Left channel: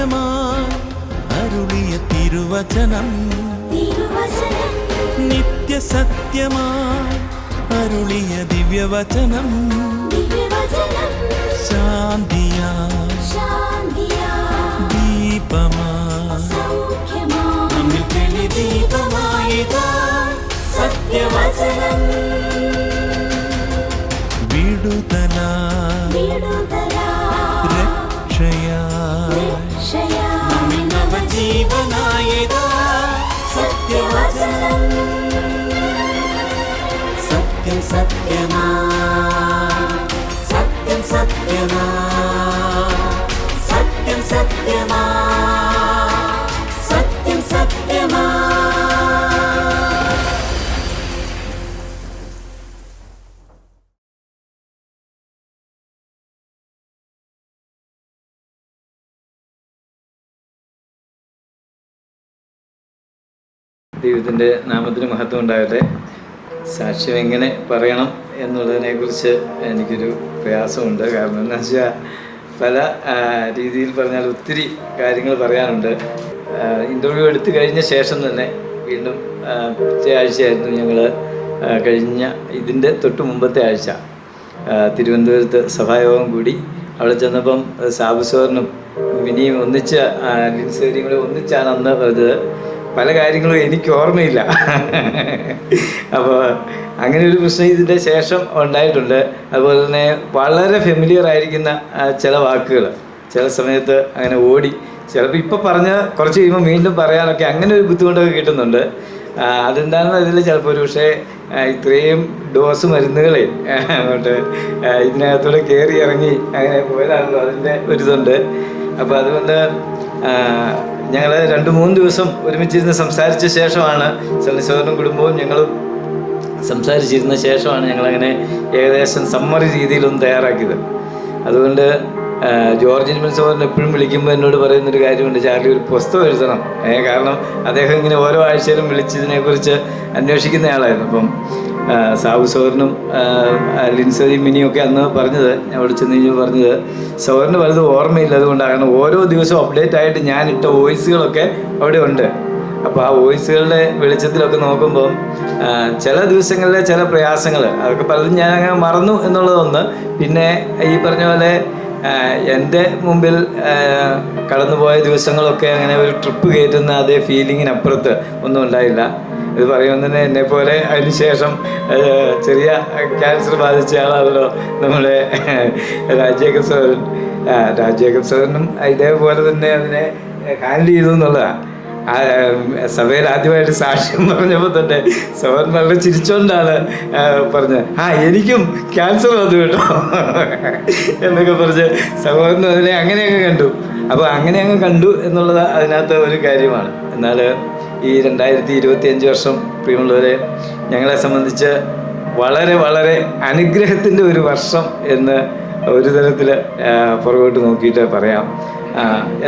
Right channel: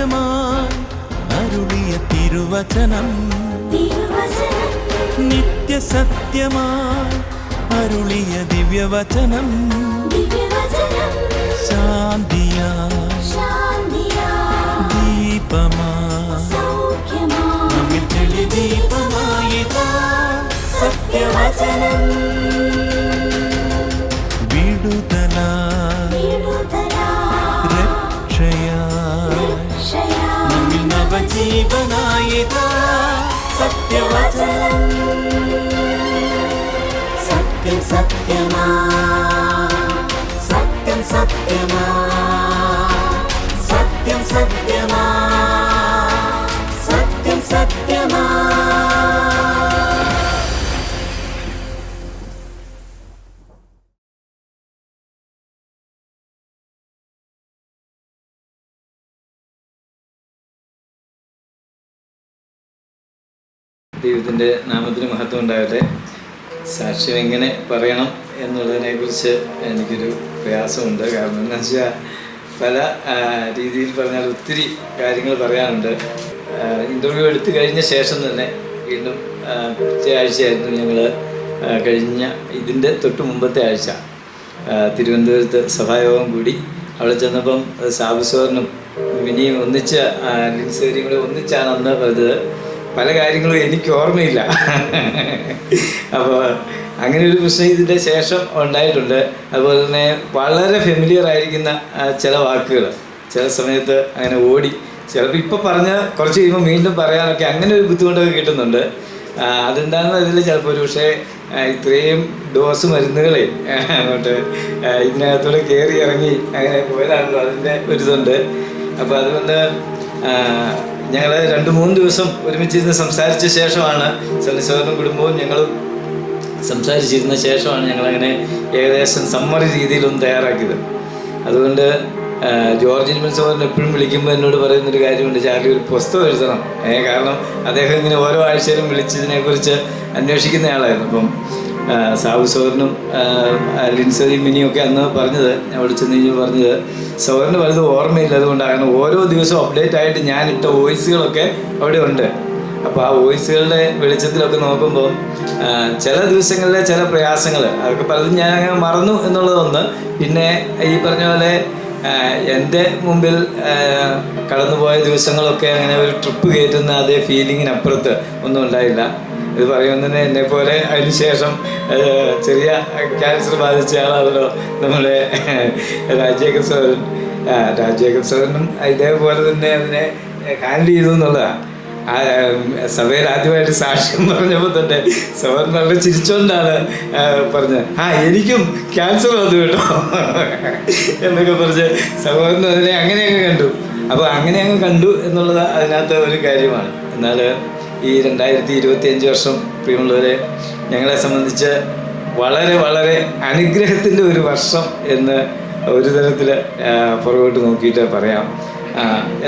സത്യമായി അരുളിയ തിരുവചനം, നിത്യസത്യമായി അരുളിയ ദിവ്യവചനം, ശാന്തിയായി ദീപമായി വിടുതലായി രക്ഷയായി സത്യവചനം സത്യം സത്യമാ സത്യം സത്യമാ സത്യം സത്യമാ സത്യം സത്യമാ. ദൈവത്തിൻ്റെ നാമത്തിന് മഹത്വം ഉണ്ടാകട്ടെ. സാക്ഷ്യം എങ്ങനെ പറയണം എന്നുള്ളതിനെക്കുറിച്ച് എനിക്കൊരു പ്രയാസമുണ്ട്. കാരണം എന്താണെന്ന് വെച്ചാൽ പല രീതിയിൽ പറഞ്ഞാൽ ഒത്തിരി കാര്യങ്ങൾ പറയാനുണ്ട്. ഇൻ്റർവ്യൂ എടുത്തു കഴിഞ്ഞ ശേഷം തന്നെ വീണ്ടും ആഴ്ചയായിരുന്നു ഞങ്ങൾ കഴിഞ്ഞ ഇതിൻ്റെ തൊട്ട് മുമ്പത്തെ ആഴ്ച തിരുവനന്തപുരത്ത് സഭായോഗം കൂടി. അവിടെ ചെന്നപ്പം സാബുസോറിനും വിനിയും ഒന്നിച്ച് ലിൻസേരിയും കൂടെ ഒന്നിച്ചാണ് അന്ന് പറഞ്ഞത്. പല കാര്യങ്ങളും എനിക്ക് ഓർമ്മയില്ല. അപ്പോൾ അങ്ങനെ ഒരു പ്രശ്നം ഇതിൻ്റെ ശേഷം ഉണ്ടായിട്ടുണ്ട്. അതുപോലെ തന്നെ വളരെ ഫെമിലിയർ ആയിരിക്കുന്ന ചില വാക്കുകൾ ചില സമയത്ത് അങ്ങനെ ഓടി ചിലപ്പോൾ ഇപ്പോൾ പറഞ്ഞ് കുറച്ച് കഴിയുമ്പോൾ വീണ്ടും പറയാനൊക്കെ അങ്ങനെ ഒരു ബുദ്ധിമുട്ടൊക്കെ കിട്ടുന്നുണ്ട്. അതെന്താണെന്ന് അറിയില്ല. ചിലപ്പോൾ ഒരു പക്ഷേ ഇത്രയും ഡോസ് മരുന്നുകളെ അങ്ങോട്ട് ഇതിനകത്തൂടെ കയറി ഇറങ്ങി അങ്ങനെ പോയതാണല്ലോ, അതിൻ്റെ ഒരിതുണ്ട്. അപ്പോൾ അതുകൊണ്ട് ഞങ്ങൾ 2-3 ദിവസം ഒരുമിച്ചിരുന്ന് സംസാരിച്ച ശേഷമാണ് സണ്ണിസോറിനും കുടുംബവും ഞങ്ങളും സംസാരിച്ചിരുന്ന ശേഷമാണ് ഞങ്ങളങ്ങനെ ഏകദേശം സമ്മറി രീതിയിലൊന്ന് തയ്യാറാക്കിയത്. അതുകൊണ്ട് ജോർജിൻ മിൽസോറിന് എപ്പോഴും വിളിക്കുമ്പോൾ എന്നോട് പറയുന്നൊരു കാര്യമുണ്ട്, ചാർലി ഒരു പുസ്തകം എഴുതണം. കാരണം അദ്ദേഹം ഇങ്ങനെ ഓരോ ആഴ്ചയിലും വിളിച്ചതിനെക്കുറിച്ച് അന്വേഷിക്കുന്നയാളായിരുന്നു. അപ്പം സാബുസോറിനും ലിൻസോറിയും മിനിയൊക്കെ അന്ന് പറഞ്ഞത്, ഞാൻ വിളിച്ചെന്ന് പറഞ്ഞത് സോറിന് വലുത് ഓർമ്മയില്ല. അതുകൊണ്ടാണ് ഓരോ ദിവസവും അപ്ഡേറ്റ് ആയിട്ട് ഞാനിട്ട വോയിസുകളൊക്കെ അവിടെ ഉണ്ട്. അപ്പോൾ ആ വോയിസുകളുടെ വെളിച്ചത്തിലൊക്കെ നോക്കുമ്പോൾ ചില ദിവസങ്ങളിലെ ചില പ്രയാസങ്ങൾ അതൊക്കെ പലതും ഞാൻ അങ്ങനെ മറന്നു എന്നുള്ളതൊന്ന്. പിന്നെ ഈ പറഞ്ഞ പോലെ എൻ്റെ മുമ്പിൽ കടന്നുപോയ ദിവസങ്ങളൊക്കെ അങ്ങനെ ഒരു ട്രിപ്പ് കയറ്റുന്ന അതേ ഫീലിങ്ങിനപ്പുറത്ത് ഒന്നും ഉണ്ടായില്ല. ഇത് പറയുമ്പോൾ തന്നെ എന്നെപ്പോലെ അതിനുശേഷം ചെറിയ ക്യാൻസർ ബാധിച്ച ആളാണല്ലോ നമ്മുടെ രാജേക്കബ് സാറിനും ഇതേപോലെ തന്നെ അതിനെ ഹാൻഡിൽ ചെയ്തു എന്നുള്ളതാണ്. സഭയിൽ ആദ്യമായിട്ട് സാക്ഷ്യം പറഞ്ഞപ്പോൾ തന്നെ സവൻ വളരെ ചിരിച്ചോണ്ടാണ് പറഞ്ഞത്, എനിക്കും ക്യാൻസർ വന്നു കേട്ടോ എന്നൊക്കെ പറഞ്ഞ് സഹോദരൻ അതിനെ അങ്ങനെയൊക്കെ കണ്ടു. അപ്പോൾ അങ്ങനെ അങ്ങ് കണ്ടു എന്നുള്ളത് അതിനകത്ത് ഒരു കാര്യമാണ്. എന്നാൽ ഈ 2025 വർഷം പ്രിയമുള്ളവരെ ഞങ്ങളെ സംബന്ധിച്ച് വളരെ വളരെ അനുഗ്രഹത്തിൻ്റെ ഒരു വർഷം എന്ന് ഒരു തരത്തിൽ പുറകോട്ട് നോക്കിയിട്ട് പറയാം.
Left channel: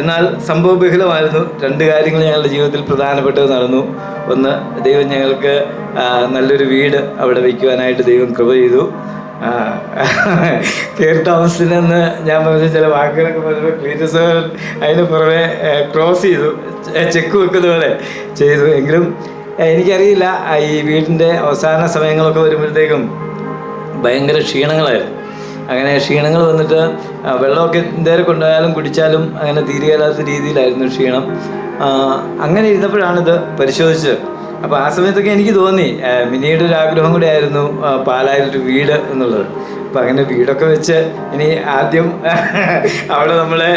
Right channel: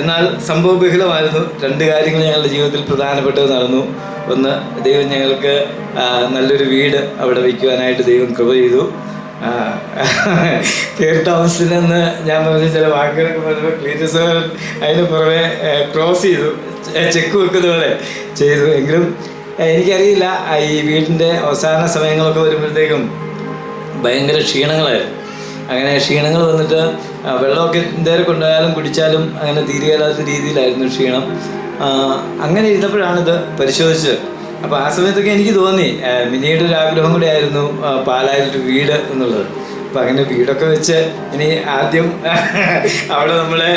എന്നാൽ സംഭവബഹുലമായിരുന്നു. 2 കാര്യങ്ങൾ ഞങ്ങളുടെ ജീവിതത്തിൽ പ്രധാനപ്പെട്ടത് നടന്നു. ഒന്ന്, ദൈവം ഞങ്ങൾക്ക് നല്ലൊരു വീട് അവിടെ വയ്ക്കുവാനായിട്ട് ദൈവം കൃപ ചെയ്തു. കയറി താമസത്തിനെന്ന് ഞാൻ പറഞ്ഞ ചില വാക്കുകളൊക്കെ പറഞ്ഞപ്പോൾ ക്ലീറ്റസ് അതിന് പുറമെ ക്രോസ് ചെയ്തു, ചെക്ക് വെക്കുന്ന പോലെ ചെയ്തു. എങ്കിലും എനിക്കറിയില്ല, ഈ വീടിൻ്റെ അവസാന സമയങ്ങളൊക്കെ വരുമ്പോഴത്തേക്കും ഭയങ്കര ക്ഷീണങ്ങളായിരുന്നു. അങ്ങനെ ക്ഷീണങ്ങൾ വന്നിട്ട് വെള്ളമൊക്കെ എന്തേരം കൊണ്ടുപോയാലും കുടിച്ചാലും അങ്ങനെ തീരുകയില്ലാത്ത രീതിയിലായിരുന്നു ക്ഷീണം. അങ്ങനെ ഇരുന്നപ്പോഴാണിത് പരിശോധിച്ചത്. അപ്പോൾ ആ സമയത്തൊക്കെ എനിക്ക് തോന്നി മിനിയുടെ ഒരു ആഗ്രഹം കൂടെ ആയിരുന്നു പാലായിലൊരു വീട് എന്നുള്ളത്. അപ്പം അങ്ങനെ വീടൊക്കെ വെച്ച് ഇനി ആദ്യം അവിടെ നമ്മളെ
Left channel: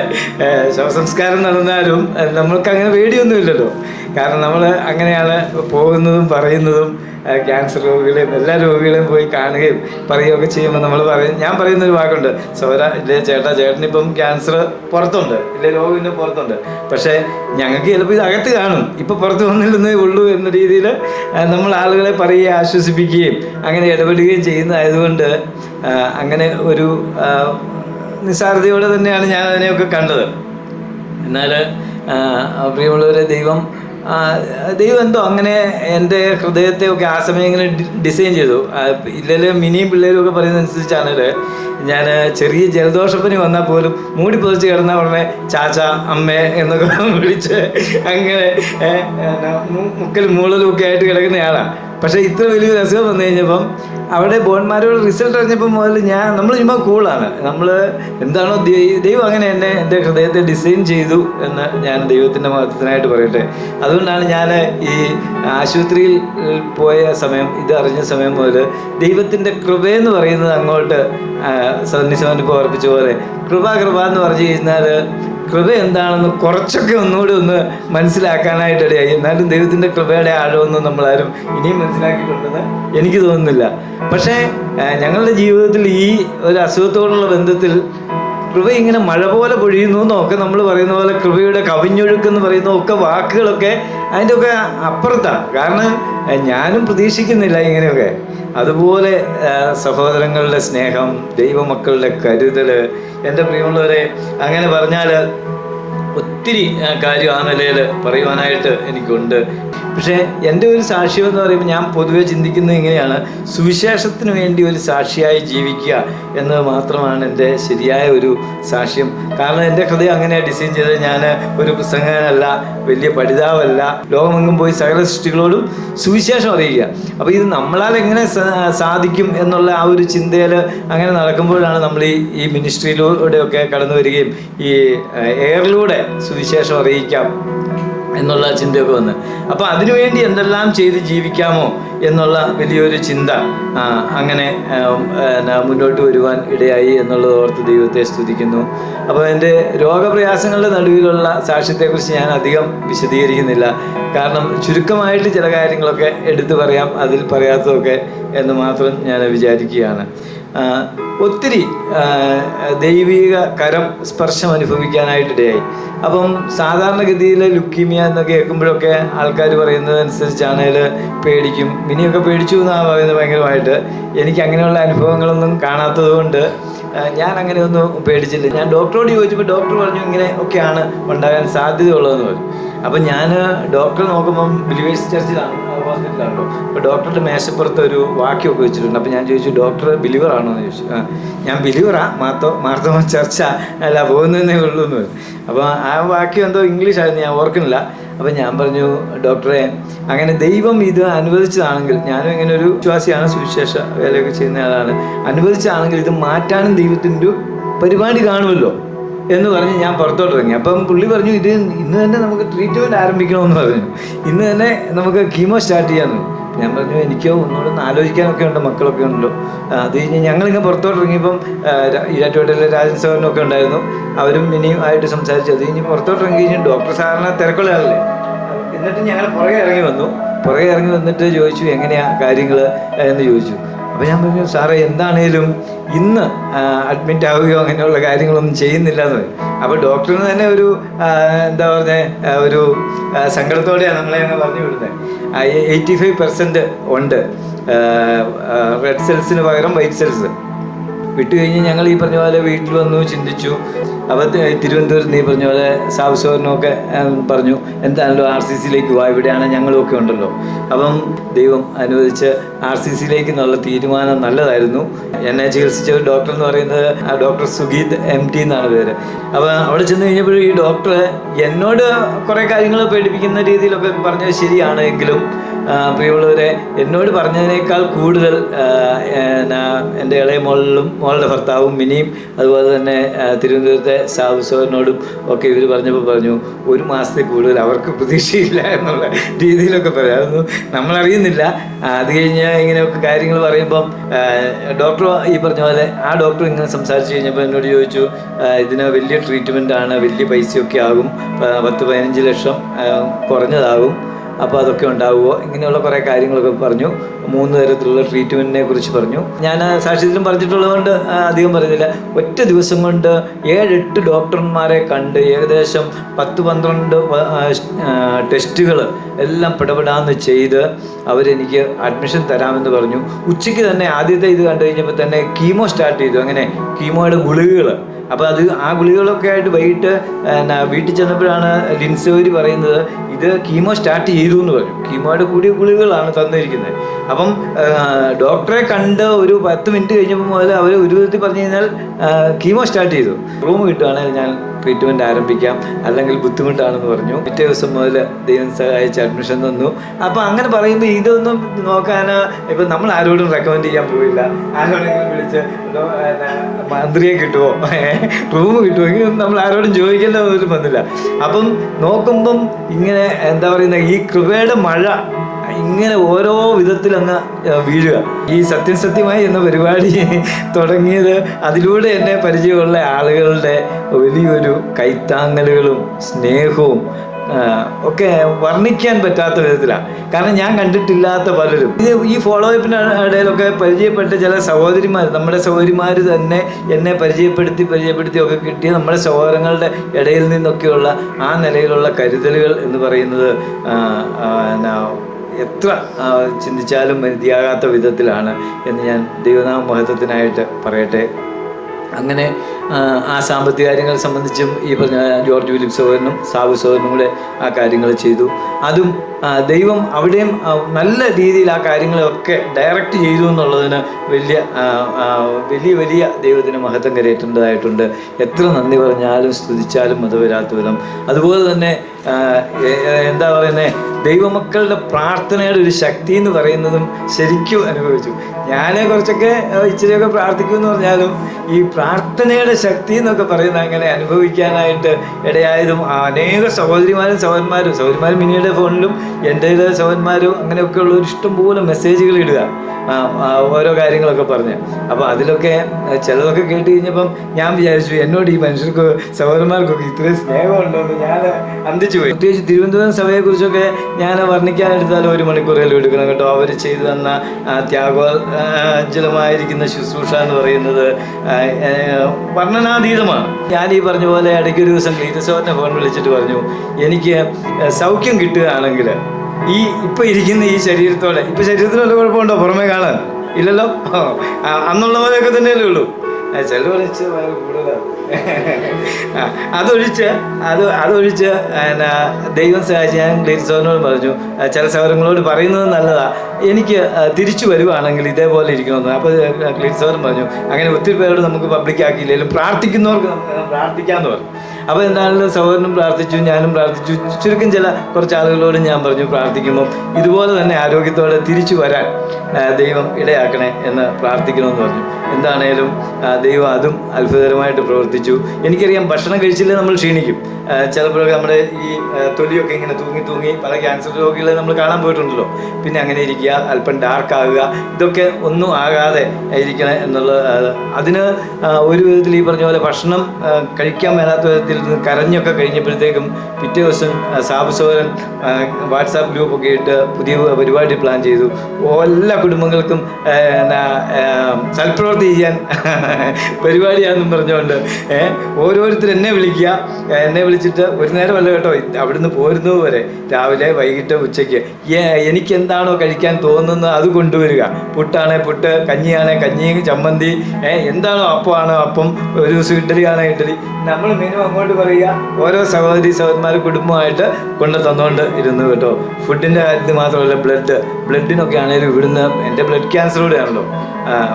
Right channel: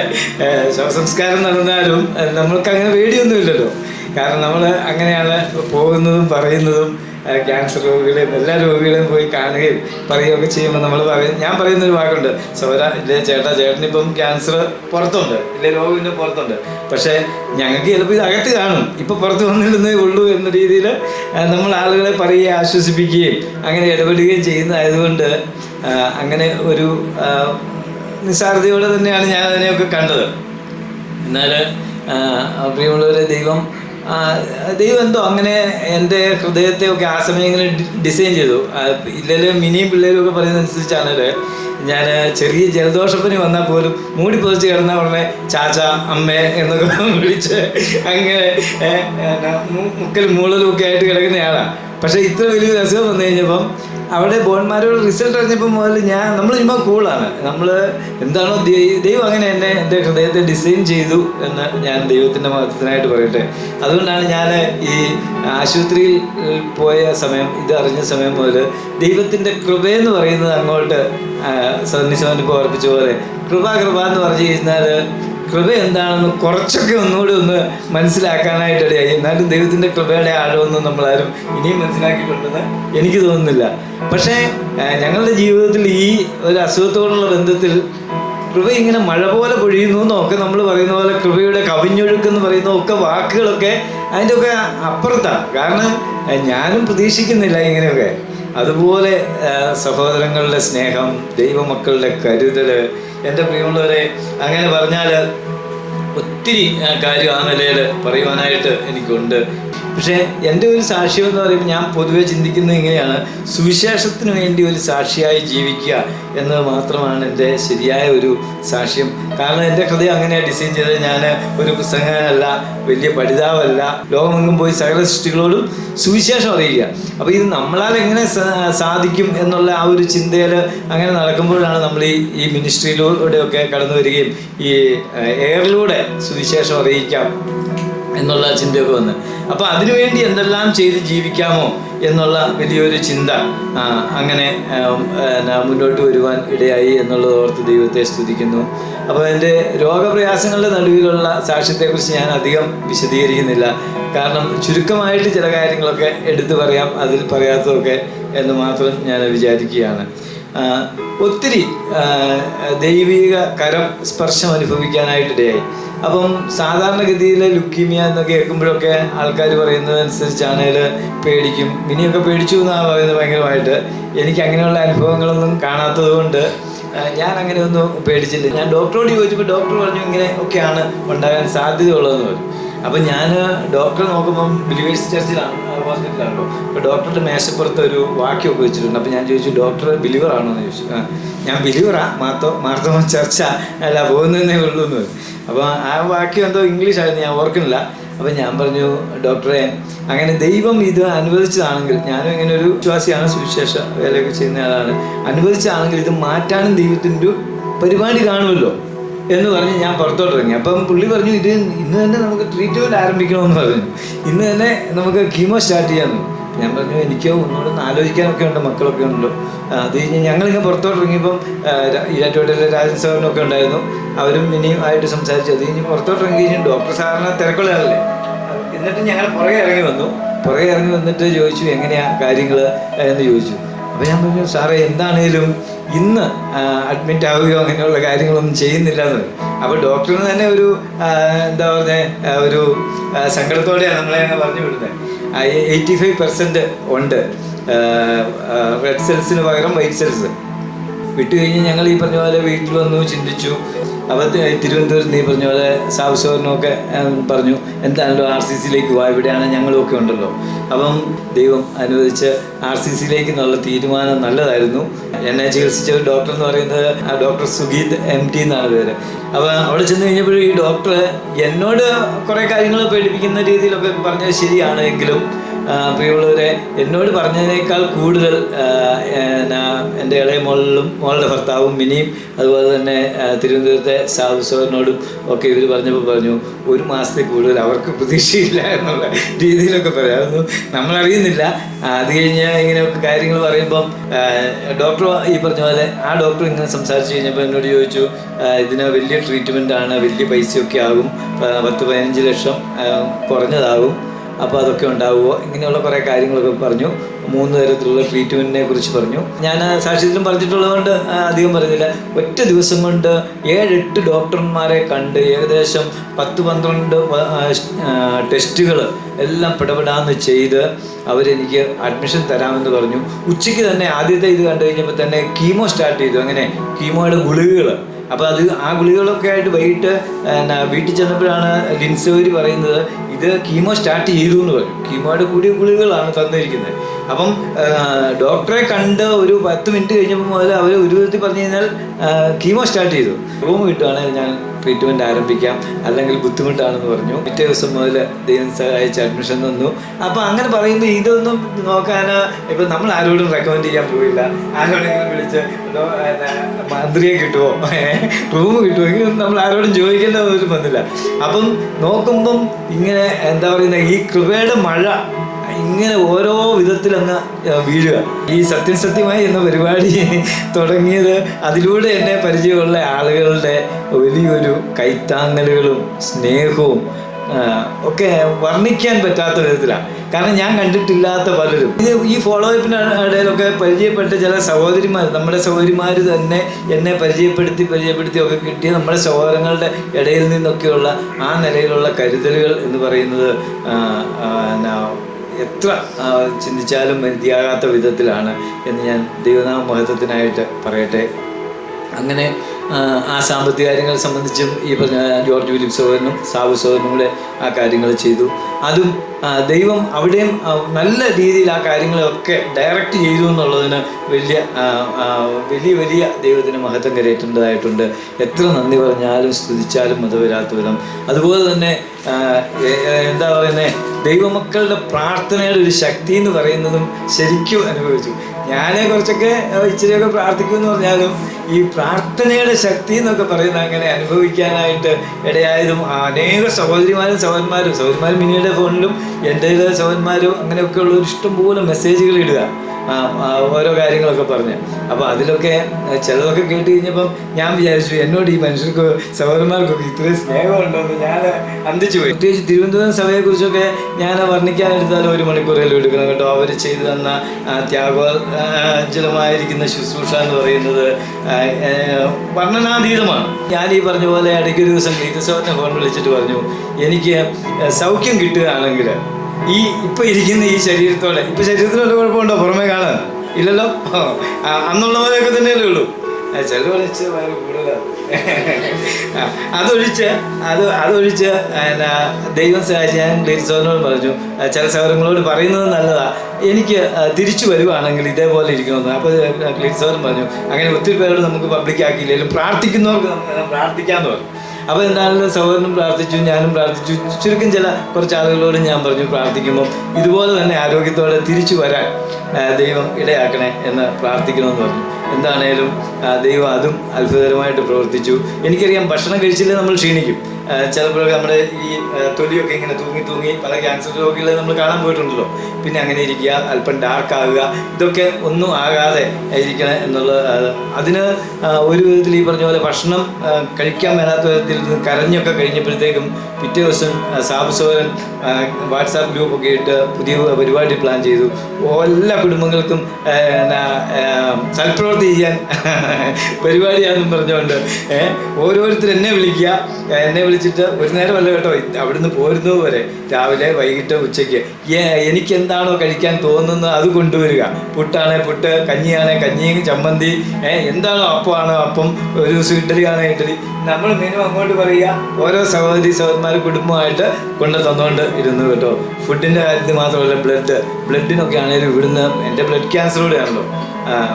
ശവസംസ്കാരം നടന്നാലും നമ്മൾക്ക് അങ്ങനെ പേടിയൊന്നുമില്ലല്ലോ. കാരണം നമ്മൾ അങ്ങനെയാണ് പോകുന്നതും പറയുന്നതും. ക്യാൻസർ രോഗികളെയും എല്ലാ രോഗികളെയും പോയി കാണുകയും പറയുകയൊക്കെ ചെയ്യുമ്പോൾ നമ്മൾ ഞാൻ പറയുന്നൊരു വാക്കുണ്ട്, സോര ഇല്ലേ ചേട്ടനിപ്പം ക്യാൻസർ പുറത്തുണ്ട്, ഇല്ലേ രോഗിൻ്റെ പുറത്തുണ്ട്, പക്ഷേ ഞങ്ങൾക്ക് ചിലപ്പോൾ ഇത് അകത്ത് കാണും, ഇപ്പം പുറത്ത് വന്നിരുന്നേ ഉള്ളൂ എന്ന രീതിയിൽ നമ്മൾ ആളുകളെ പറയുകയും ആശ്വസിപ്പിക്കുകയും അങ്ങനെ ഇടപെടുകയും ചെയ്യുന്നതായതുകൊണ്ട് അങ്ങനെ ഒരു നിസ്സാരതയോടെ തന്നെയാണ് ഞാൻ അതിനെയൊക്കെ കണ്ടത്. എന്നാൽ പ്രിയമുള്ളവരെ, ദൈവം എന്തോ അങ്ങനെ എൻ്റെ ഹൃദയത്തെയൊക്കെ ആ സമയങ്ങളിൽ ഡിസൈൻ ചെയ്തു. ഇല്ലെങ്കിലും മിനിയും പിള്ളേരും ഒക്കെ പറയുന്നതനുസരിച്ചാണെങ്കിൽ ഞാൻ ചെറിയ ജലദോഷപ്പനി വന്നാൽ പോലും മൂടി പൊതിച്ച് കിടന്നാൽ ഉടനെ ചാച്ച അമ്മേ എന്നൊക്കെ വിളിച്ച് അങ്ങനെ മുക്കൽ മൂളലും ഒക്കെ ആയിട്ട് കിടക്കുന്നയാളാണ്. പക്ഷേ ഇത്ര വലിയൊരു അസുഖം വന്നു കഴിഞ്ഞപ്പം അവിടെ ബോൺമാരോട് റിസൾട്ട് അറിഞ്ഞപ്പോൾ മുതൽ നമ്മൾ ചുമ്മാ കൂളാണ്. നമ്മൾ എന്താണോ ദൈവം അങ്ങനെ എന്നെ എൻ്റെ ഹൃദയത്തെ ഡിസൈൻ ചെയ്തു എന്ന് ഞാൻ ദൈവത്തിൻ്റെ മഹത്വത്തിനായിട്ട് പറയട്ടെ. അതുകൊണ്ടാണ് ഞാൻ ഈ ആശുപത്രിയിൽ പോയ സമയം, ഇത് അറിഞ്ഞ സമയം മുതൽ ദൈവത്തിൻ്റെ കൃപയെന്ന് പറയുന്നത് അങ്ങോട്ട് സന്നിസോനിപ്പോൾ ഓർപ്പിച്ച പോലെ കൃപ എന്ന് പറഞ്ഞു കഴിഞ്ഞാൽ കൃപ എന്താണെന്ന് കുറച്ചൊക്കെ ഒന്നുകൂടി ഒന്ന് മനസ്സിലാക്കാനായിട്ടിടയായി. എന്നാലും ദൈവത്തിൻ്റെ കൃപയുടെ ആഴമൊന്നും നമ്മളാരും ഇനിയും മനസ്സിലാക്കിയിട്ടുണ്ടെന്ന് എനിക്ക് തോന്നുന്നില്ല. പക്ഷേ ഞങ്ങളുടെ ജീവിതത്തിൽ ഈ ഒരു അസുഖത്തോടുള്ള ബന്ധത്തിൽ കൃപ ഇങ്ങനെ മഴ പോലെ പൊഴിയുന്നു എന്നൊക്കെ നമ്മൾ പറയുന്ന പോലെ കൃപയുടെ കവിഞ്ഞൊഴുക്കെന്ന് പറയുന്ന ഒക്കെ വാക്കുകളൊക്കെ അതിൻ്റെ ഒക്കെ അപ്പുറത്താണ്. കാരണം ഞാനും പ്രതീക്ഷിക്കുന്നില്ല ഇങ്ങനെയൊക്കെ. അതുപോലെ സഹോദരങ്ങളുടെ സ്നേഹം, ദൈവമക്കളുടെ കരുതൽ, എൻ്റെ പ്രിയമുള്ളവരെ, അങ്ങനെ പറഞ്ഞാൽ ഒത്തിരി കാര്യം ആ നിലയിൽ പറയുവാനായിട്ട് എനിക്കുണ്ട്. പക്ഷേ എൻ്റെ ഒരു സാക്ഷ്യം എന്ന് പറയുമ്പോൾ ഞാൻ പൊതുവെ ചിന്തിക്കുന്നത് ഇങ്ങനെയാണ്: സുവിശേഷത്തിന് വേണ്ടി ഒരു സാക്ഷിയായി ജീവിക്കുക എന്നത് മാത്രമാണ് എൻ്റെ ശരിയായ ഒരു സാക്ഷ്യം. കാരണം എൻ്റെ ഹൃദയം അങ്ങനെയാണ് ഡിസൈൻ ചെയ്തത്. ഞാൻ ഒരു പ്രസംഗകനല്ല, വലിയ പഠിതാവല്ല, ലോകമെങ്ങും പോയി സകല സൃഷ്ടികളോടും സുവിശേഷം അറിയിക്കുക. അപ്പോൾ ഇത് നമ്മളാൽ എങ്ങനെ സാധിക്കും എന്നുള്ള ആ ഒരു ചിന്തയിൽ അങ്ങനെ നടക്കുമ്പോഴാണ് നമ്മൾ ഈ മിനിസ്ട്രിയിലൂടെയൊക്കെ കടന്നു വരികയും ഈ എയറിലൂടെ സുവിശേഷം അറിയിക്കാം എന്നുള്ള ചിന്തയൊക്കെ വന്ന്, അപ്പോൾ അതിനുവേണ്ടി എന്തെല്ലാം ചെയ്ത് ജീവിക്കാമോ എന്നുള്ള വലിയൊരു ചിന്ത അങ്ങനെ മുന്നോട്ട് വരുവാൻ ഇടയായി എന്നുള്ളത് ഓർത്ത് ദൈവത്തെ സ്തുതിക്കുന്നു. അപ്പോൾ എൻ്റെ രോഗപ്രയാസങ്ങളുടെ നടുവിലുള്ള സാക്ഷ്യത്തെക്കുറിച്ച് ഞാൻ അധികം വിശദീകരിക്കുന്നില്ല. കാരണം ചുരുക്കമായിട്ട് ചില കാര്യങ്ങളൊക്കെ എടുത്തു പറയാം, അതിൽ പറയാത്തതൊക്കെ എന്ന് മാത്രം ഞാൻ വിചാരിക്കുകയാണ്. ഒത്തിരി ദൈവിക കരം സ്പർശം അനുഭവിക്കാനായിട്ടിടയായി. അപ്പം സാധാരണഗതിയിൽ ലുക്കീമിയ എന്നൊക്കെ കേൾക്കുമ്പോഴൊക്കെ ആൾക്കാർ പറയുന്നതനുസരിച്ചാണെങ്കിൽ പേടിക്കും. മിനിയൊക്കെ പേടിച്ചു എന്നാണ് പറയുന്നത് ഭയങ്കരമായിട്ട്. എനിക്ക് അങ്ങനെയുള്ള അനുഭവങ്ങളൊന്നും കാണാത്തത് കൊണ്ട് ഞാൻ അങ്ങനെയൊന്നും പേടിച്ചില്ല. ഞാൻ ഡോക്ടറോട് ചോദിച്ചപ്പോൾ ഡോക്ടർ പറഞ്ഞു ഇങ്ങനെ ഒക്കെയാണ് ഉണ്ടാകാൻ സാധ്യതയുള്ളതെന്ന് പറഞ്ഞു. അപ്പം ഞാൻ ഡോക്ടറെ നോക്കുമ്പം ബിലീവേഴ്സ് ചർച്ചിലാണ്, ഹോസ്പിറ്റലാണല്ലോ. അപ്പോൾ ഡോക്ടറുടെ മേശപ്പുറത്ത് ഒരു വാക്യമൊക്കെ വെച്ചിട്ടുണ്ട്. അപ്പോൾ ഞാൻ ചോദിച്ചു, ഡോക്ടർ ബിലീവറാണോ എന്ന് ചോദിച്ചു. ഞാൻ ബിലീവറാ, മാർത്തോമ ചർച്ച അല്ല പോകുന്നതേ ഉള്ളൂ എന്ന് പറഞ്ഞു. അപ്പോൾ ആ വാക്യം എന്തോ ഇംഗ്ലീഷായിരുന്നു, ഞാൻ ഓർക്കുന്നില്ല. അപ്പം ഞാൻ പറഞ്ഞു, ഡോക്ടറെ, അങ്ങനെ ദൈവം ഇത് അനുവദിച്ചതാണെങ്കിൽ, ഞാനും ഇങ്ങനെ ഒരു വിശ്വാസിയാണ്, സുവിശേഷ വേലയൊക്കെ ചെയ്യുന്ന ആളാണ്, അനുവദിച്ചതാണെങ്കിൽ ഇത് മാറ്റാനും ദൈവത്തിൻ്റെ ഒരു പരിപാടി കാണുമല്ലോ എന്ന് പറഞ്ഞ് ഞാൻ പുറത്തോട്ടിറങ്ങി. അപ്പം പുള്ളി പറഞ്ഞു, ഇത് ഇന്ന് തന്നെ നമുക്ക് ട്രീറ്റ്മെൻറ്റ് ആരംഭിക്കണമെന്ന് പറഞ്ഞു. ഇന്ന് തന്നെ നമുക്ക് കീമോ സ്റ്റാർട്ട് ചെയ്യാമെന്ന്. ഞാൻ പറഞ്ഞു, എനിക്കോ ഒന്നുകൂടെ ആലോചിക്കാനൊക്കെ ഉണ്ട്, മക്കളൊക്കെ ഉണ്ടല്ലോ. അത് കഴിഞ്ഞ് ഞങ്ങളിങ്ങനെ പുറത്തോട്ടിറങ്ങിയപ്പം ഈരാറ്റുപേട്ടയിലെ രാജൻ സാറിനൊക്കെ ഉണ്ടായിരുന്നു. അവരും ഇനിയും ആയിട്ട് സംസാരിച്ചു. അത് കഴിഞ്ഞ് പുറത്തോട്ടിറങ്ങി കഴിഞ്ഞ് ഡോക്ടർ സാറിന് തിരക്കുള്ള ആളല്ലേ. എന്നിട്ട് ഞങ്ങൾ പുറകെ ഇറങ്ങി വന്നിട്ട് ചോദിച്ചു, എങ്ങനെയാണ് കാര്യങ്ങൾ എന്ന് ചോദിച്ചു. അപ്പോൾ ഞാൻ പറഞ്ഞു, സാറേ എന്താണേലും ഇന്ന് അഡ്മിറ്റ് ആവുകയോ അങ്ങനെയുള്ള കാര്യങ്ങളൊന്നും ചെയ്യുന്നില്ല എന്ന് പറയും. അപ്പോൾ ഡോക്ടറിന് തന്നെ ഒരു എന്താ പറഞ്ഞ ഒരു സങ്കടത്തോടെയാണ് നമ്മളെ അങ്ങ് പറഞ്ഞു വിടുന്നത്. 85% ഉണ്ട് റെഡ് സെൽസിന് പകരം വൈറ്റ് സെൽസ്. വിട്ടു കഴിഞ്ഞ് ഞങ്ങൾ ഈ പറഞ്ഞ പോലെ വീട്ടിൽ വന്നു ചിന്തിച്ചു. അപ്പോൾ തിരുവനന്തപുരത്ത് നീ പറഞ്ഞ പോലെ സാബുസോറിനൊക്കെ പറഞ്ഞു, എന്താണല്ലോ RCCയിലേക്ക് പോവാ, ഇവിടെയാണ് ഞങ്ങളുമൊക്കെ ഉണ്ടല്ലോ. അപ്പം ദൈവം അനുവദിച്ച് RCCയിലേക്ക് എന്നുള്ള തീരുമാനം നല്ലതായിരുന്നു. എന്നെ ചികിത്സിച്ച ഒരു ഡോക്ടർ എന്ന് പറയുന്നത് ഡോക്ടർ സുഗീത് MT എന്നാണ് പേര്. അപ്പോൾ അവിടെ ചെന്ന് കഴിഞ്ഞപ്പോഴും ഈ ഡോക്ടർ എന്നോട് കുറേ കാര്യങ്ങൾ പേടിപ്പിക്കുന്ന രീതിയിലൊക്കെ പറഞ്ഞത് ശരിയാണ്. എങ്കിലും പ്രിയമുള്ളവരെ, എന്നോട് പറഞ്ഞതിനേക്കാൾ കൂടുതൽ എൻ്റെ ഇളയ മോളുടെ ഭർത്താവും മിനിയും അതുപോലെ തന്നെ തിരുവനന്തപുരത്തെ സാബുസോറിനോടും ഒക്കെ ഇവർ പറഞ്ഞു, 1 മാസത്തിൽ കൂടുതൽ അവർക്ക് പ്രതീക്ഷയില്ല എന്നുള്ള രീതിയിലൊക്കെ പറയാം. അതൊന്നും നമ്മളറിയുന്നില്ല. അത് കഴിഞ്ഞ് ഇങ്ങനെയൊക്കെ കാര്യങ്ങൾ പറയുമ്പം ഡോക്ടർ ഈ പറഞ്ഞ പോലെ ആ ഡോക്ടർ ഇങ്ങനെ സംസാരിച്ച് കഴിഞ്ഞപ്പോൾ എന്നോട് ചോദിച്ചു, ഇതിന് വലിയ ട്രീറ്റ്മെൻറ്റാണ്, വലിയ പൈസയൊക്കെ ആകും, 10-15 ലക്ഷം കുറഞ്ഞതാകും, അപ്പോൾ അതൊക്കെ ഉണ്ടാവുമോ, ഇങ്ങനെയുള്ള കുറേ കാര്യങ്ങളൊക്കെ പറഞ്ഞു. 3 തരത്തിലുള്ള ട്രീറ്റ്മെൻറ്റിനെ കുറിച്ച് പറഞ്ഞു. ഞാൻ സാക്ഷ്യത്തിലും പറഞ്ഞിട്ടുള്ളത് കൊണ്ട് അധികം പറഞ്ഞില്ല. ഒറ്റ ദിവസം കൊണ്ട് 7-8 ഡോക്ടർമാരെ കണ്ട് ഏകദേശം 10-12 ടെസ്റ്റുകൾ എല്ലാം പിടപെടാന്ന് ചെയ്ത് അവരെനിക്ക് അഡ്മിഷൻ തരാമെന്ന് പറഞ്ഞു. ഉച്ചയ്ക്ക് തന്നെ ആദ്യത്തെ ഇത് കണ്ടു കഴിഞ്ഞപ്പോൾ തന്നെ കീമോ സ്റ്റാർട്ട് ചെയ്തു. അങ്ങനെ കീമോയുടെ ഗുളികകൾ. അപ്പോൾ ആ ഗുളികകളൊക്കെ ആയിട്ട് വൈകിട്ട് വീട്ടിൽ ചെന്നപ്പോഴാണ് ലിൻസോരി പറയുന്നത്, ഇത് കീമോ സ്റ്റാർട്ട് ചെയ്തു എന്ന് പറയും. കീമോയുടെ കൂടിയ ഗുളികകളാണ് തന്നിരിക്കുന്നത്. അപ്പം ഡോക്ടറെ കണ്ട് ഒരു 10 മിനിറ്റ് കഴിഞ്ഞപ്പോൾ മുതൽ അവർ ഒരു വിധത്തിൽ പറഞ്ഞു കഴിഞ്ഞാൽ കീമോ സ്റ്റാർട്ട് ചെയ്തു. റൂം കിട്ടുവാണെങ്കിൽ ഞാൻ ട്രീറ്റ്മെൻറ്റ് ആരംഭിക്കാം, അല്ലെങ്കിൽ ബുദ്ധിമുട്ടാണെന്ന് പറഞ്ഞു. പിറ്റേ ദിവസം മുതൽ ദൈവം സഹായിച്ച് അഡ്മിഷൻ തന്നു. അപ്പോൾ അങ്ങനെ പറയുമ്പോൾ ഇതൊന്നും നോക്കാൻ ഇപ്പം നമ്മൾ ആരോടും റെക്കമെൻഡ് ചെയ്യാൻ പോയില്ല. ആരോടെങ്കിലും വിളിച്ച് മന്ത്രിയെ കിട്ടുമോ, റൂം കിട്ടുമോ, ഇങ്ങനെയൊന്നും നമ്മൾ ആരോടും ചോദിക്കേണ്ട ഒരു വന്നില്ല. അപ്പം നോക്കുമ്പം ഇങ്ങനെ എന്താ പറയുന്നത്, ഈ കൃപയുടെ മഴ ഇങ്ങനെ ഓരോ വിധത്തിലങ്ങ് വീഴുക. ഈ സത്യമായി എന്ന പരിപാടി തുടങ്ങിയത് അതിലൂടെ എന്നെ പരിചയമുള്ള ആളുകളുടെ വലിയൊരു കൈത്താങ്ങലുകളും സ്നേഹവും ഒക്കെ വർണ്ണിക്കാൻ പറ്റാത്ത വിധത്തിലാണ്. കാരണം ഞാൻ കണ്ടിട്ടില്ലാത്ത പലരും ഈ ഫോളോ അപ്പിൻ്റെ ഇടയിലൊക്കെ പരിചയപ്പെട്ട ചില സഹോദരിമാർ, നമ്മുടെ സഹോദരിമാർ തന്നെ എന്നെ പരിചയപ്പെടുത്തി ഒക്കെ കിട്ടിയ നമ്മുടെ സഹോദരങ്ങളുടെ ഇടയിൽ നിന്നൊക്കെയുള്ള ആ നിലയിലുള്ള കരുതലുകൾ എന്ന് പറയുന്നത് എത്ര ചിന്തിച്ചാലും മതിയാകാത്ത വിധത്തിലാണ് എന്ന് ഞാൻ ദൈവനാമ മഹത്വത്തിനായിട്ട് പറയട്ടെ. അങ്ങനെ ആ സാമ്പത്തിക കാര്യങ്ങളെ സംബന്ധിച്ചും ഈ പറഞ്ഞ ജോർജ് ഫിലിപ്പ് സഹോദരനും സാബു സഹോദരനും കൂടെ ആ കാര്യങ്ങൾ ചെയ്തു. അതും ദൈവം അവിടെയും നല്ല രീതിയിൽ ആ കാര്യങ്ങളൊക്കെ ഡയറക്റ്റ് ചെയ്തു എന്നുള്ളതിന് വലിയ ദൈവത്തിന് മഹത്വം കരയേറ്റേണ്ടതായിട്ടുണ്ട്. എത്ര നന്ദി പറഞ്ഞാലും സ്തുതിച്ചാലും അത് വരാത്ത വിധം. അതുപോലെ തന്നെ എന്താ പറയുന്നത്, ദൈവമക്കളുടെ പ്രാർത്ഥനയുടെ ഒരു ശക്തി എന്ന് പറയുന്നതും ശരിക്കും അനുഭവിച്ചു. ഞാനെ കുറച്ചൊക്കെ ഇച്ചിരിയൊക്കെ പ്രാർത്ഥിക്കുമെന്ന് പറഞ്ഞാലും ഈ പ്രാർത്ഥനയുടെ ശക്തി എന്നൊക്കെ പറയുന്നത് അങ്ങനെ അനുഭവിക്കാനായിട്ട് ഇടയായതും അനേക സഹോദരിമാരും മിനിയുടെ ഫോണിലും എൻ്റെ സഹോദരന്മാരും അങ്ങനെയൊക്കെയുള്ള ഒരു ഇഷ്ടംപോലെ മെസ്സേജുകൾ ഇടുക, ഓരോ കാര്യങ്ങളൊക്കെ പറഞ്ഞ്. അപ്പോൾ അതിലൊക്കെ ചിലതൊക്കെ കേട്ട് കഴിഞ്ഞപ്പം ഞാൻ വിചാരിച്ചു എന്നോട് ഈ മനുഷ്യർക്ക് സഹോദരന്മാർക്കൊക്കെ ഇത്രയും സ്നേഹമുണ്ടോ എന്ന് ഞാൻ അന്തിച്ചു പോയി. പ്രത്യേകിച്ച് തിരുവനന്തപുരം സഭയെക്കുറിച്ചൊക്കെ ഞാൻ വർണ്ണിക്കാനെടുത്താലും 1 മണിക്കൂറേലും എടുക്കണം കേട്ടോ. അവർ ചെയ്തു തന്ന ത്യാഗോജ്ജലമായിരിക്കുന്ന ശുശ്രൂഷ എന്ന് പറയുന്നത് വർണ്ണനാതീതമാണ്. ഞാൻ ഈ പറഞ്ഞ പോലെ ഇടയ്ക്കൊരു ദിവസം ഗീതസോറിനെ ഫോൺ വിളിച്ചിട്ട് പറഞ്ഞു, എനിക്ക് സൗഖ്യം കിട്ടുകയാണെങ്കിൽ ഈ ഇപ്പൊ ഇരിക്കുന്ന ഈ ശരീരത്തോടെ, ഇപ്പൊ ശരീരത്തിനുള്ള കുഴപ്പമുണ്ടോ പുറമേ കാണാൻ? ഇല്ലല്ലോ, അന്നുള്ള പോലെയൊക്കെ തന്നെയല്ലേ ഉള്ളൂ. ചില വിളിച്ച് ഭയങ്കര കൂടുതലാണ്. അതൊഴിച്ച് ദൈവം സഹായിച്ച് ഞാൻ സഹോദരനോട് പറഞ്ഞു, ചില സഹോദരങ്ങളോട് പറയുന്നത് നല്ലതാ, എനിക്ക് തിരിച്ചു വരുവാണെങ്കിൽ ഇതേപോലെ ഇരിക്കണമെന്ന്. അപ്പോൾ സഹോദരൻ പറഞ്ഞു, അങ്ങനെ ഒത്തിരി പേരോട് നമുക്ക് പബ്ലിക് ആക്കിയില്ലെങ്കിലും പ്രാർത്ഥിക്കുന്നവർക്ക് നമുക്ക് പ്രാർത്ഥിക്കാമെന്ന് പറഞ്ഞു. അപ്പോൾ എന്താണെങ്കിലും സഹോദരനും പ്രാർത്ഥിച്ചു, ഞാനും പ്രാർത്ഥിച്ചു. ചുരുക്കം കുറച്ച് ആളുകളോട് ഞാൻ പറഞ്ഞു, പ്രാർത്ഥിക്കുമ്പോൾ ഇതുപോലെ തന്നെ ആരോഗ്യത്തോടെ തിരിച്ചു വരാൻ ദൈവം ഇടയാക്കണേ എന്ന് പ്രാർത്ഥിക്കണമെന്ന് പറഞ്ഞു. എന്താണേലും ദൈവം അതും അത്ഭുതകരമായിട്ട് പ്രവർത്തിച്ചു. എനിക്കറിയാം, ഭക്ഷണം കഴിച്ചില്ലേ നമ്മൾ ക്ഷീണിക്കും. ചിലപ്പോഴൊക്കെ നമ്മുടെ ഈ തൊലിയൊക്കെ ഇങ്ങനെ തൂങ്ങി പല ക്യാൻസർ രോഗികളെ നമ്മൾ കാണാൻ പോയിട്ടുണ്ടല്ലോ. പിന്നെ അങ്ങനെ ഇരിക്കുക, അല്പം ഡാർക്ക് ആകുക, ഇതൊക്കെ ഒന്നും ആകാതെ ഇരിക്കണം എന്നുള്ളത്. അതിന് ഒരു വിധത്തിൽ ഈ പറഞ്ഞ പോലെ ഭക്ഷണം കഴിക്കാൻ മേലാത്ത വിധത്തിൽ കരഞ്ഞൊക്കെ കഴിഞ്ഞപ്പോഴത്തേക്കും പിറ്റേ ദിവസം സാബു സഹോദരൻ വാട്സാപ്പ് ഗ്രൂപ്പൊക്കെ ഇട്ട് പുതിയ പരിപാടി പ്ലാൻ ചെയ്തു. എല്ലാ കുടുംബങ്ങൾക്കും സൽപ്രവൃത്തി ചെയ്യാൻ പരിപാടിയാണെന്നും പറഞ്ഞുകൊണ്ട് ഓരോരുത്തർ എന്നെ വിളിച്ചിട്ട് ഒരു നേരമല്ല കേട്ടോ, അവിടുന്ന് പോരുന്നത് വരെ രാവിലെ വൈകിട്ട് ഉച്ചയ്ക്ക് എനിക്കെന്താണോ കഴിക്കാൻ തോന്നുന്നത് അത് കൊണ്ടുവരിക. പുട്ടാണെ പുട്ട്, കഞ്ഞിയാണെ കഞ്ഞി, ചമ്മന്തി, എന്താണോ അപ്പമാണോ അപ്പം, ഒരു ദിവസം ഇഡ്ഡലിയാണോ ഇഡ്ഡലി, നമ്മൾ മെനു അങ്ങോട്ട് പറയുക. ഓരോ സഹോദരന്മാർ കുടുംബമായിട്ട് കൊണ്ടു തന്നുകൊണ്ട് ഇരുന്നു കേട്ടോ. ഫുഡിൻ്റെ കാര്യത്തിൽ മാത്രമല്ല, ബ്ലഡിനൊക്കെ ആണെങ്കിലും ഇവിടുന്ന് എൻ്റെ ബ്ലഡ് ക്യാൻസറോടെ ആണല്ലോ.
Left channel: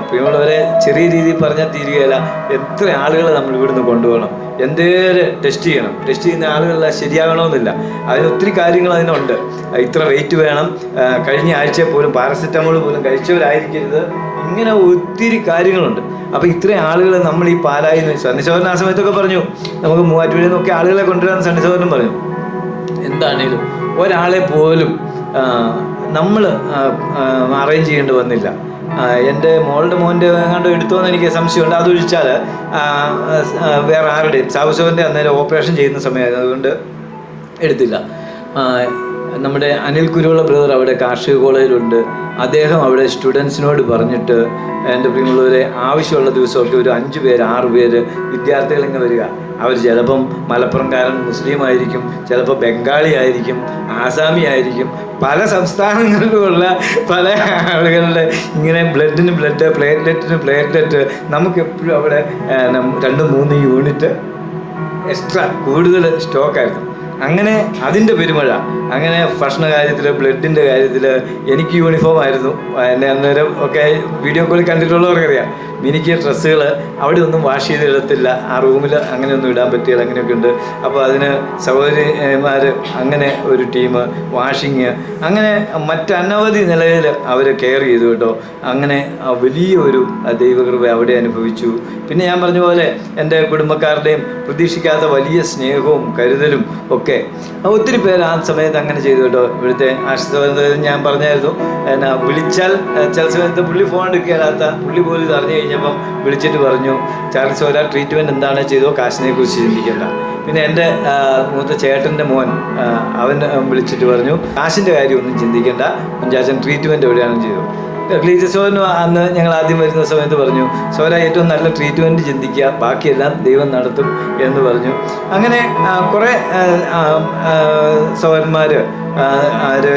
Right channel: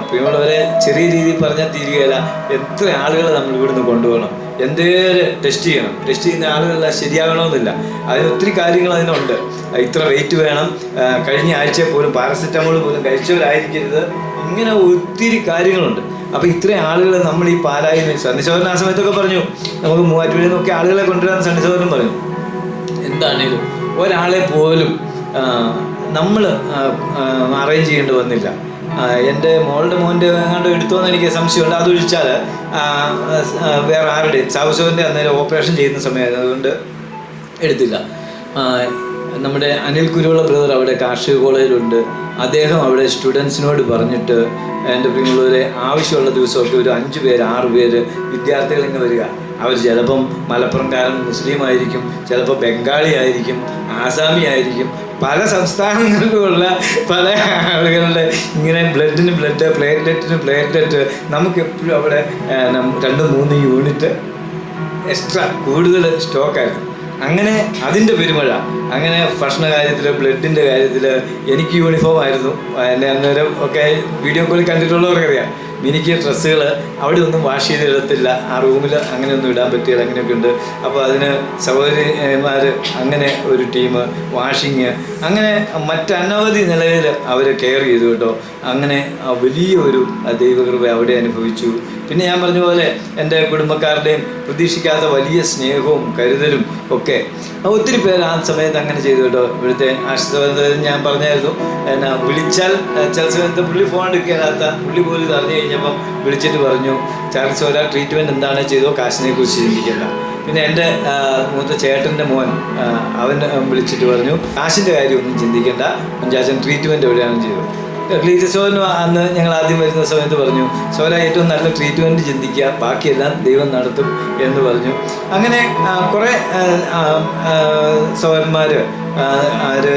പ്രിയമുള്ളവരെ, ചെറിയ രീതിയിൽ പറഞ്ഞാൽ തീരുകയില്ല. എത്ര ആളുകളെ നമ്മൾ ഇവിടുന്ന് കൊണ്ടുപോകണം, എന്തേലും ടെസ്റ്റ് ചെയ്യണം. ടെസ്റ്റ് ചെയ്യുന്ന ആളുകളെല്ലാം ശരിയാകണമെന്നില്ല. അതിന് ഒത്തിരി കാര്യങ്ങൾ അതിനുണ്ട്. ഇത്ര വെയിറ്റ് വേണം, കഴിഞ്ഞ ആഴ്ച പോലും പാരസെറ്റമോൾ പോലും കഴിച്ചവരായിരിക്കരുത്, ഇങ്ങനെ ഒത്തിരി കാര്യങ്ങളുണ്ട്. അപ്പോൾ ഇത്രയും ആളുകൾ നമ്മൾ ഈ പാലായി സന്നിശോധന ആ സമയത്തൊക്കെ പറഞ്ഞു, നമുക്ക് മൂവാറ്റുപുഴയിൽ നിന്നൊക്കെ ആളുകളെ കൊണ്ടുവരാൻ സന്നിശോധനം പറഞ്ഞു. എന്താണേലും ഒരാളെ പോലും നമ്മൾ അറേഞ്ച് ചെയ്യേണ്ടി വന്നില്ല. എൻ്റെ മോൻ്റെ എങ്ങാണ്ട് എടുത്തോന്ന് എനിക്ക് സംശയമുണ്ട്. അതൊഴിച്ചാൽ വേറെ ആരുടെയും സാബുസോറിൻ്റെ അന്നേരം ഓപ്പറേഷൻ ചെയ്യുന്ന സമയമായിരുന്നു, അതുകൊണ്ട് എടുത്തില്ല. നമ്മുടെ അനിൽ കുരുവിള ബ്രദർ അവിടെ കാർഷിക കോളേജിലുണ്ട്. അദ്ദേഹം അവിടെ സ്റ്റുഡൻസിനോട് പറഞ്ഞിട്ട്, എൻ്റെ പ്രിയമുള്ളവരെ, ആവശ്യമുള്ള ദിവസമൊക്കെ ഒരു 5 പേര് 6 പേര് വിദ്യാർത്ഥികളിങ്ങ് വരിക. അവർ ചിലപ്പം മലപ്പുറംകാരൻ മുസ്ലിം ആയിരിക്കും, ചിലപ്പോൾ ബംഗാളി ആയിരിക്കും, ആസാമി ആയിരിക്കും, പല സംസ്ഥാനങ്ങളിലുമുള്ള പല ആളുകളുടെ ഇങ്ങനെ ബ്ലഡിന് ബ്ലഡ്, പ്ലേറ്റ്ലെറ്റിന് പ്ലേറ്റ്ലെറ്റ്. നമുക്കെപ്പോഴും അവിടെ 2-3 യൂണിറ്റ് എക്സ്ട്രാ കൂടുതൽ സ്റ്റോക്കായിരുന്നു. അങ്ങനെ അതിൻ്റെ പെരുമഴ. അങ്ങനെ ഭക്ഷണ കാര്യത്തിൽ, ബ്ലഡിൻ്റെ കാര്യത്തിൽ എനിക്ക് യൂണിഫോം ആയിരുന്നു. എന്നെ അന്നേരം ഒക്കെ വീഡിയോ കോളിൽ കണ്ടിട്ടുള്ളവർക്കറിയാം. എനിക്ക് ഡ്രസ്സുകൾ അവിടെ ഒന്നും വാഷ് ചെയ്തിടത്തില്ല, ആ റൂമിൽ അങ്ങനെയൊന്നും ഇടാൻ പറ്റില്ല, അങ്ങനെയൊക്കെ ഉണ്ട്. അപ്പോൾ അതിന് സഹോദരിമാർ അങ്ങനെ ഒരു ടീം, വാഷിങ്, അങ്ങനെ മറ്റനവധി നിലയിൽ അവർ കെയർ ചെയ്തു കേട്ടോ. അങ്ങനെ വലിയൊരു ദൈവകൃപ അവിടെ അനുഭവിച്ചു. പിന്നെ ഞാൻ പറഞ്ഞ പോലെ എൻ്റെ കുടുംബക്കാരുടെയും പ്രതീക്ഷിക്കാത്ത വലിയ സ്നേഹവും കരുതലും ഒക്കെ ഒത്തിരി പേര് ആ സമയത്ത് അങ്ങനെ ചെയ്തു കേട്ടോ. ഇവിടുത്തെ ആശുപത്രി ഞാൻ പറഞ്ഞായിരുന്നു, എന്നാ വിളിച്ചാൽ ചില സമയത്ത് പുള്ളി ഫോൺ എടുക്കാത്ത, പുള്ളി പോലും ഇത് അറിഞ്ഞു കഴിഞ്ഞപ്പം വിളിച്ചിട്ട് പറഞ്ഞു, ചാൾസ് ഒരാൾ ട്രീറ്റ്മെൻറ്റ് എന്താണ് ചെയ്തോ, കാശിനെ കുറിച്ച് ചിന്തിക്കണ്ട. പിന്നെ എൻ്റെ മൂത്ത ചേട്ടൻ്റെ മോൻ അവൻ വിളിച്ചിട്ട് പറഞ്ഞു, കാശിൻ്റെ കാര്യമൊന്നും ചിന്തിക്കേണ്ട, കുഞ്ചാച്ചൻ ട്രീറ്റ്മെൻറ്റ് എവിടെയാണ് ചെയ്തത്. സോന് അന്ന് ഞങ്ങൾ ആദ്യം വരുന്ന സമയത്ത് പറഞ്ഞു, സോന ഏറ്റവും നല്ല ട്രീറ്റ്മെൻറ്റ് ചിന്തിക്കുക, ബാക്കിയെല്ലാം ദൈവം നടത്തും എന്ന് പറഞ്ഞു. അങ്ങനെ കുറേ സോന്മാർ,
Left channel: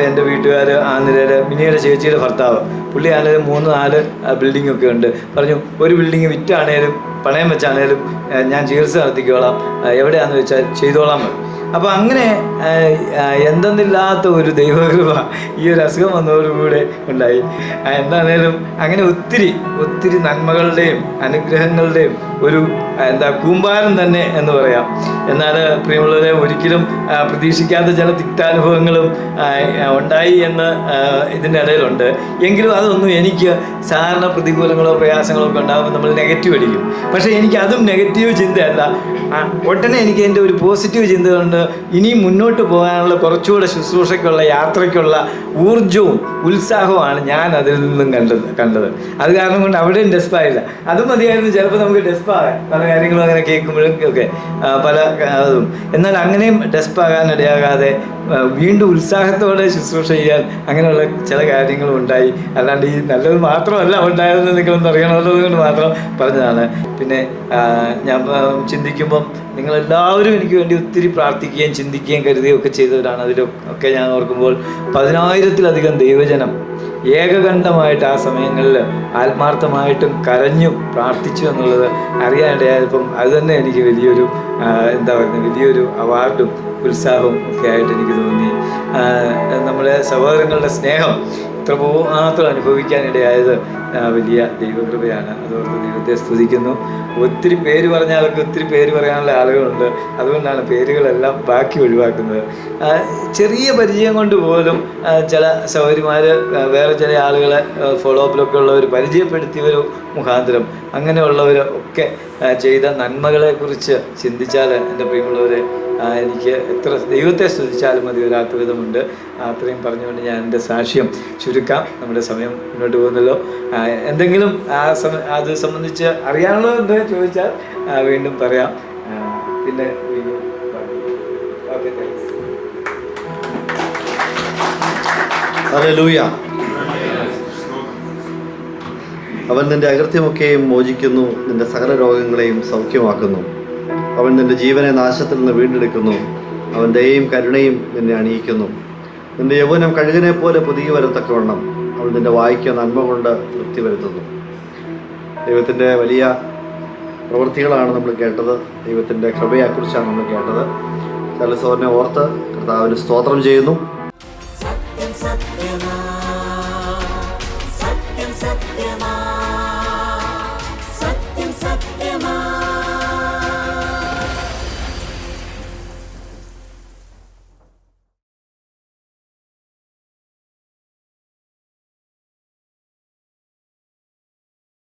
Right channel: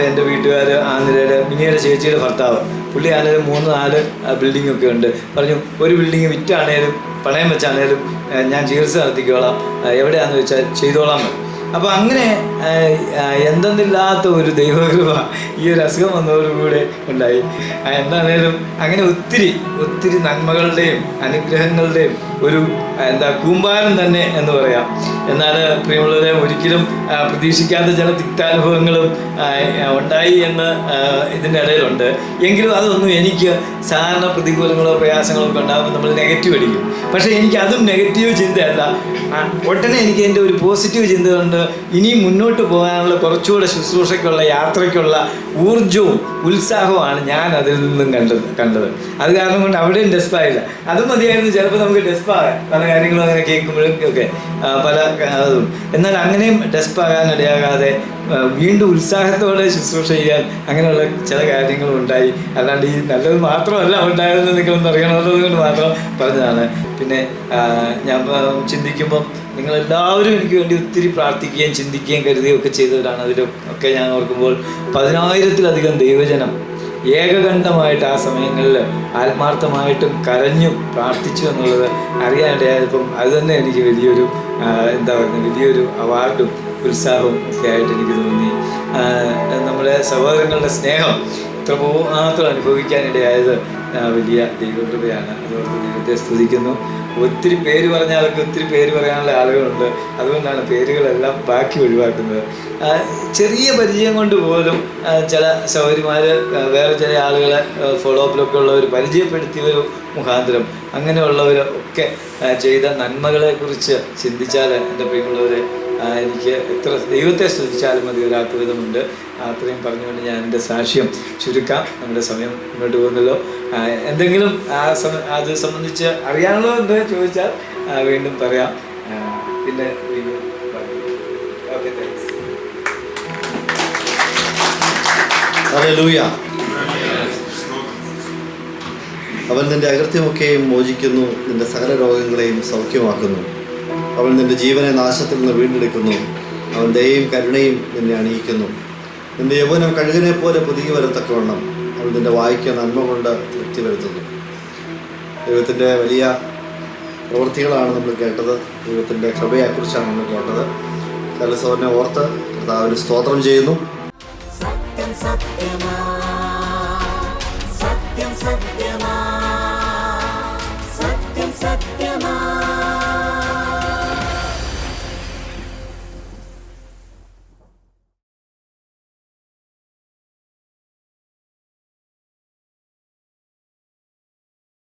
എൻ്റെ വീട്ടുകാർ, ആ നിലയിൽ മിനിയുടെ ചേച്ചിയുടെ ഭർത്താവ്, പുള്ളി ആണെങ്കിലും 3-4 ബിൽഡിങ്ങൊക്കെ ഉണ്ട്. പറഞ്ഞു, ഒരു ബിൽഡിങ് വിറ്റാണേലും പണയം വെച്ചാണേലും ഞാൻ ചികിത്സ നടത്തിക്കോളാം, എവിടെയാണെന്ന് വെച്ചാൽ ചെയ്തോളാം. അപ്പോൾ അങ്ങനെ എന്തെന്നില്ലാത്ത ഒരു ദൈവകൃപ ഈ ഒരു അസുഖം വന്നതോടുകൂടെ ഉണ്ടായി. എന്താണേലും അങ്ങനെ ഒത്തിരി നന്മകളുടെയും അനുഗ്രഹങ്ങളുടെയും ഒരു കൂമ്പാരം തന്നെ എന്ന് പറയാം. എന്നാൽ പ്രിയമുള്ളവരെ, ഒരിക്കലും പ്രതീക്ഷിക്കാത്ത ചില തിക്താനുഭവങ്ങളും ഉണ്ടായി എന്ന് ഇതിൻ്റെ ഇടയിലുണ്ട്. എങ്കിലും അതൊന്നും എനിക്ക് സാധാരണ പ്രതികൂലങ്ങളോ പ്രയാസങ്ങളോ ഒക്കെ ഉണ്ടാകുമ്പോൾ നമ്മൾ നെഗറ്റീവ് അടിക്കും. പക്ഷേ എനിക്ക് അതും നെഗറ്റീവ് ചിന്തയല്ല, ഉടനെ എനിക്ക് എൻ്റെ ഒരു പോസിറ്റീവ് ചിന്ത കൊണ്ട് ഇനിയും മുന്നോട്ട് പോകാനുള്ള, കുറച്ചുകൂടെ ശുശ്രൂഷയ്ക്കുള്ള, യാത്രയ്ക്കുള്ള ഊർജവും ഉത്സാഹവുമാണ് ഞാൻ അതിൽ നിന്നും കണ്ടത്. അത് കാരണം കൊണ്ട് അവിടെയും ഡെസ്പായില്ല. അതും മതിയായിരുന്നു ചിലപ്പോൾ നമുക്ക് ഡെസ്പാകാൻ, പല കാര്യങ്ങളും അങ്ങനെ കേൾക്കുമ്പോഴൊക്കെ പല അതും. എന്നാൽ അങ്ങനെയും ഡെസ്പാകാനിടയാകാതെ വീണ്ടും ഉത്സാഹത്തോടെ ശുശ്രൂഷ ചെയ്യാൻ അങ്ങനെയുള്ള ചില കാര്യങ്ങളും ഉണ്ടായി. അല്ലാണ്ട് ഈ നല്ലത് മാത്രമല്ല ഉണ്ടായതെന്ന് നിങ്ങളൊന്നും അറിയണമെന്നതുകൊണ്ട് മാത്രം പറഞ്ഞതാണ്. പിന്നെ ഞാൻ ചിന്തിക്കുമ്പം നിങ്ങളെല്ലാവരും എനിക്ക് വേണ്ടി ഒത്തിരി പ്രാർത്ഥിക്കുകയും ചിന്തിക്കുകയും കരുതുകയും ഒക്കെ ചെയ്തവരാണ്. അതിലൊക്കെ ഞാൻ ഓർക്കുമ്പോൾ 10,000-ലധികം ദൈവജനം ഏകകണ്ഠമായിട്ട് ആ സമയങ്ങളിൽ ആത്മാർത്ഥമായിട്ടും കരഞ്ഞു പ്രാർത്ഥിച്ചു എന്നുള്ളത് അറിയാനിടയായപ്പം അത് തന്നെ എനിക്ക് വലിയൊരു വലിയൊരു അവാർഡും ഉത്സാഹവും ഒക്കെ ആയിട്ട് എനിക്ക് തോന്നി. നമ്മുടെ സഹോദരങ്ങളുടെ സ്നേഹം ഇത്രമാത്രം അനുഭവിക്കാനിടയായത് വലിയ ദൈവകൃപയാണ്. അതുകൊണ്ട് ദൈവത്തെ സ്തുതിക്കുന്നു. ഒത്തിരി പേര് പറഞ്ഞാലൊക്കെ ഒത്തിരി പേര് പറയാനുള്ള ആളുകളുണ്ട്, അതുകൊണ്ടാണ് പേരുകളെല്ലാം ബാക്കി ഒഴിവാക്കുന്നത്. ചെറിയ പരിചയം കൊണ്ട് പോലും ചില സഹോദരിമാർ വേറെ ചില ആളുകളെ ഫോളോ അപ്പിലൊക്കെ ഉള്ളവർ പരിചയപ്പെടുത്തിയവർ മുഖാന്തരം അങ്ങനെയുള്ളവരൊക്കെ ചെയ്ത നന്മകളെക്കുറിച്ച് ചിന്തിച്ചാൽ എൻ്റെ പ്രിയമുള്ളവരെ, എനിക്ക് എത്ര ദൈവത്തെ സ്തുതിച്ചാലും മതി ഒരാത്വിധമുണ്ട്. അത്രയും പറഞ്ഞുകൊണ്ട് ഞാൻ എൻ്റെ സാക്ഷ്യം ചുരുക്കാം. നമ്മുടെ സമയം മുന്നോട്ട് പോകുന്നല്ലോ. എന്തെങ്കിലും അത് സംബന്ധിച്ച് അറിയാനുള്ളതെന്ന് ചോദിച്ചാൽ വീണ്ടും പറയാം. പിന്നെ വീണ്ടും ഓക്കെ, താങ്ക്സ്. ഹല്ലേലൂയ. അവൻ നിന്റെ അകൃത്യമൊക്കെയും മോചിക്കുന്നു, നിന്റെ സകല രോഗങ്ങളെയും സൗഖ്യമാക്കുന്നു. അവൻ നിന്റെ ജീവനെ നാശത്തിൽ നിന്ന് വീണ്ടെടുക്കുന്നു. അവൻ ദയയും കരുണയും നിന്നെ അണിയിക്കുന്നു. നിന്റെ യൗവനം കഴുകിനെ പോലെ പുതിയ വരത്തക്കവണ്ണം അവൻ നിന്റെ വായിക്ക് നന്മ കൊണ്ട് തൃപ്തി വരുത്തുന്നു. ദൈവത്തിൻ്റെ വലിയ പ്രവൃത്തികളാണ് നമ്മൾ കേട്ടത്. ദൈവത്തിൻ്റെ കൃപയെക്കുറിച്ചാണ് നമ്മൾ കേട്ടത്. പല സഹോദരനെ ഓർത്ത് കർത്താവിന് സ്തോത്രം ചെയ്യുന്നു. സത്യം സത്യമാ